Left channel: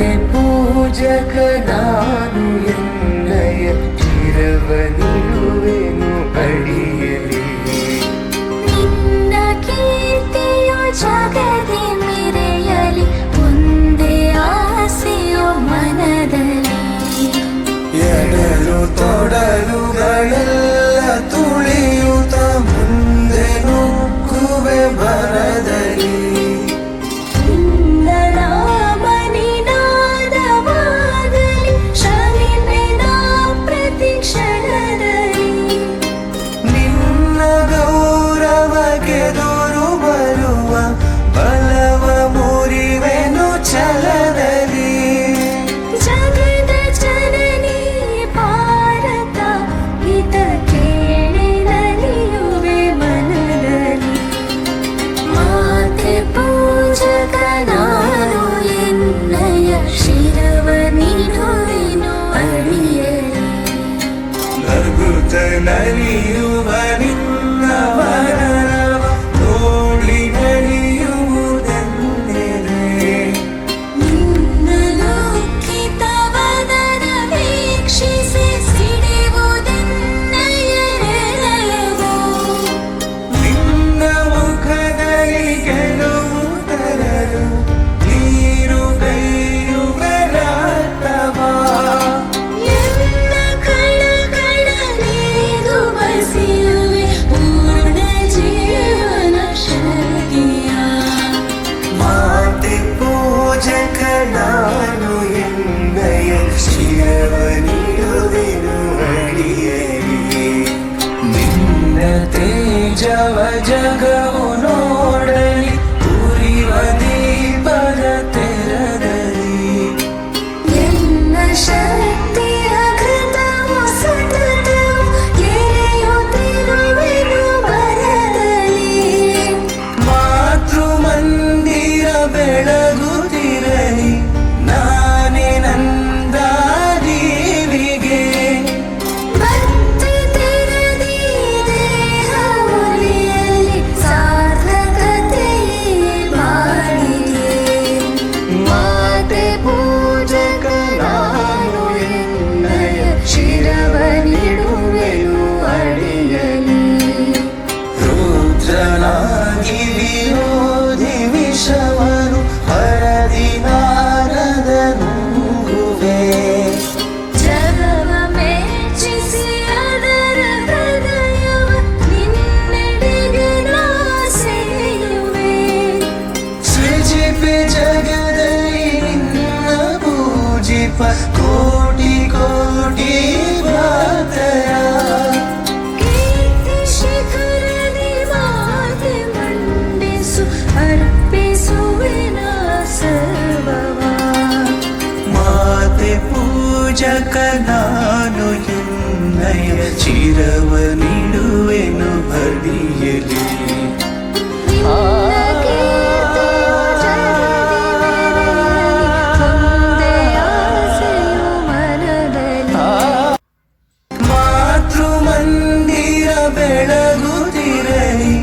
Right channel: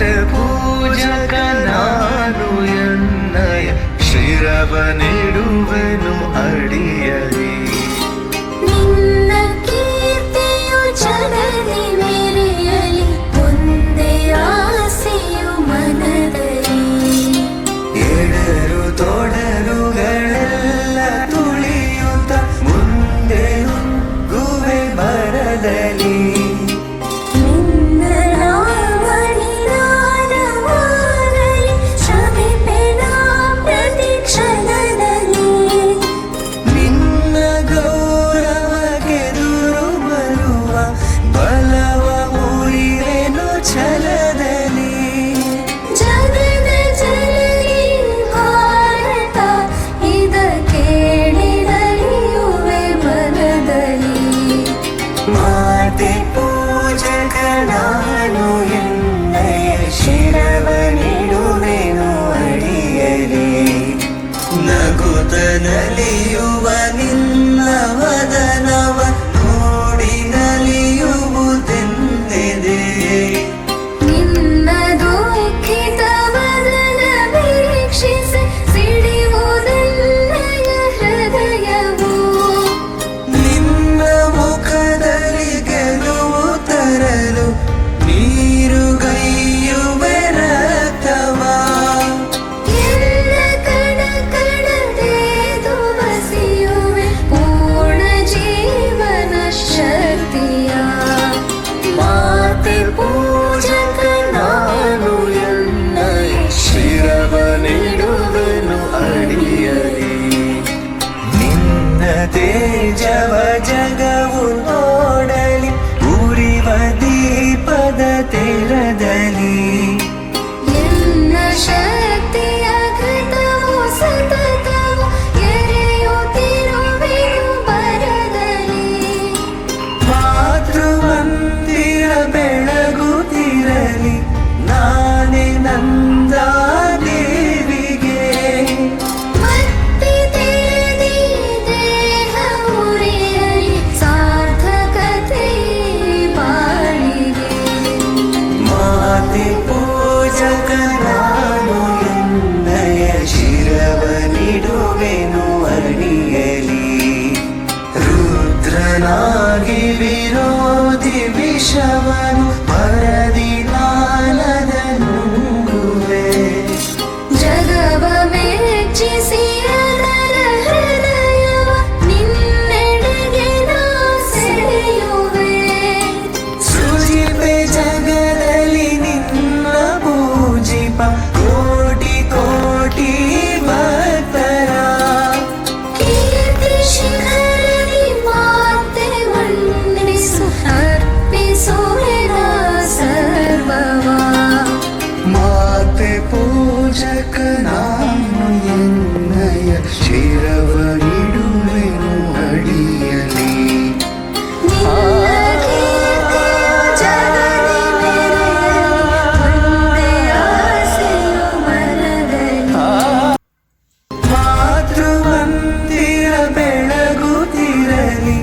ಮಾತೆ ಪೂಜಕ ನಾನು ಎನ್ನಯ ಶಿರವ ನೀಡುವೆನು ಅಡಿಯಲಿ. ನಿನ್ನ ಕೀರ್ತಿಯು ಜಗದಿ ಮೆರೆಯಲಿ, ಒಂದೇ ಆಸೆಯು ಮನದಲ್ಲಿ. ಎಡರು ತೊಡರುಗಳೆಲ್ಲ ತುಳಿಯುತ್ತ ಮುಂದೆ ನುಗ್ಗುವೆ ಬರದಲ್ಲಿ. ನಿನ್ನ ನಾಮನಿನಾದವಾಗಲಿ, ಶ್ರಮಿಪೆನ ಪ್ರತಿ ಕ್ಷಣದಲ್ಲಿ. ನಿನ್ನ ಗೌರವಗೆದುರು ಬರುವ ಬಲವ ಮುರಿವೆನು ಛಲದಲ್ಲಿ. ಜಗದ ಜನನಿ ಭಾರತ, ಇದ ಕೇಳಿದಲಿಯುವೆ ಬರದಲ್ಲಿ. ಮಾತೆ ಪೂಜಕ ನಾನು ಎನ್ನಯ ಶಿರವ ನೀಡುವೆನು ಅಡಿಯಲಿ. ನಗುತ್ತ ನಲಿಯುವ ನಿನ್ನ ವದನವ ನೋಡಿ ನಲಿಯುವುದೆಂದಿದೆ. ನಿನ್ನ ದುಃಖಿತ ವದನ ವೀಕ್ಷಿಸಿ ಸಿಡಿಯುವುದೆನ್ನಯ ಹೃದಯವು. ನಿನ್ನ ಮುಖದಲ್ಲಿ ಗೆಲುವು ತರಲು ನೀರುಗೈಯುವೆ ರಕ್ತವ. ಎನ್ನ ಕಣಕಣನೆದು ಬಸಿಯುವೆ ಪೂರ್ಣ ಜೀವನ ಶಕ್ತಿಯ. ಮಾತೆ ಪೂಜಕ ನಾನು ಎನ್ನಯ ಶಿರವ ನೀಡುವೆನು ಅಡಿಯಲಿ. ನಿನ್ನ ತೇಜವ ಜಗವು ನೋಡಲಿ, ಉರಿವ ದೀಪದ ತೆರದಲ್ಲಿ. ಎನ್ನ ಶಕ್ತಿಯ ಘಟವು ಸತತವು ಎರೆಯುತ್ತಿರುವೆನು ಬರದಲ್ಲಿ. ಮಾತೃಮಂದಿರ ಬೆಳಗುತ್ತಿರಲಿ, ನಾನೇ ನಂದ ದೇವಿಗೆ. ಮತ್ತೆ ತೆರೆದಿ ದೇಹ ಮುರಿಯಲಿ, ಸಾರ್ಥಕತೆ ಬಾಳಿಗೆ. ಮಾತೆ ಪೂಜಕ ನಾನು ಎನ್ನಯ ಶಿರವ ನೀಡುವೆನು ಅಡಿಯಲಿ. ರುದ್ರನಾಗಿ ವಿರೋಧಿ ವಿಷವನು ಪರದಿ ನಾರದ ನುಂಗುವೆ. ಜಗವ ಮೆಚ್ಚಿಸಿ ಅದರ ಹೃದಯವ ನಿನ್ನೆಡೆಗೆ ನಾ ಸೆಳೆಯುವೆ. ಸೃಜಿಪೆ ಜಗದಲ್ಲಿ ನಿನ್ನ ಪೂಜಿಪ ಕೋಟಿ ಕೋಟಿ ಭಕ್ತರ. ಕೀರ್ತಿ ಶಿಖರದಿ ಮಾತೆ ಮನ್ನಿಸು, ಅರ್ಪಿಸುವೆನ ಸರ್ವವ. ಮಾತೆ ಪೂಜಕ ನಾನು ಎನ್ನಯ ಶಿರವ ನೀಡುವೆನು ಅಡಿಯಲಿ. ಮಾತೃಮಂದಿರ ಬೆಳಗುತ್ತಿರಲಿ,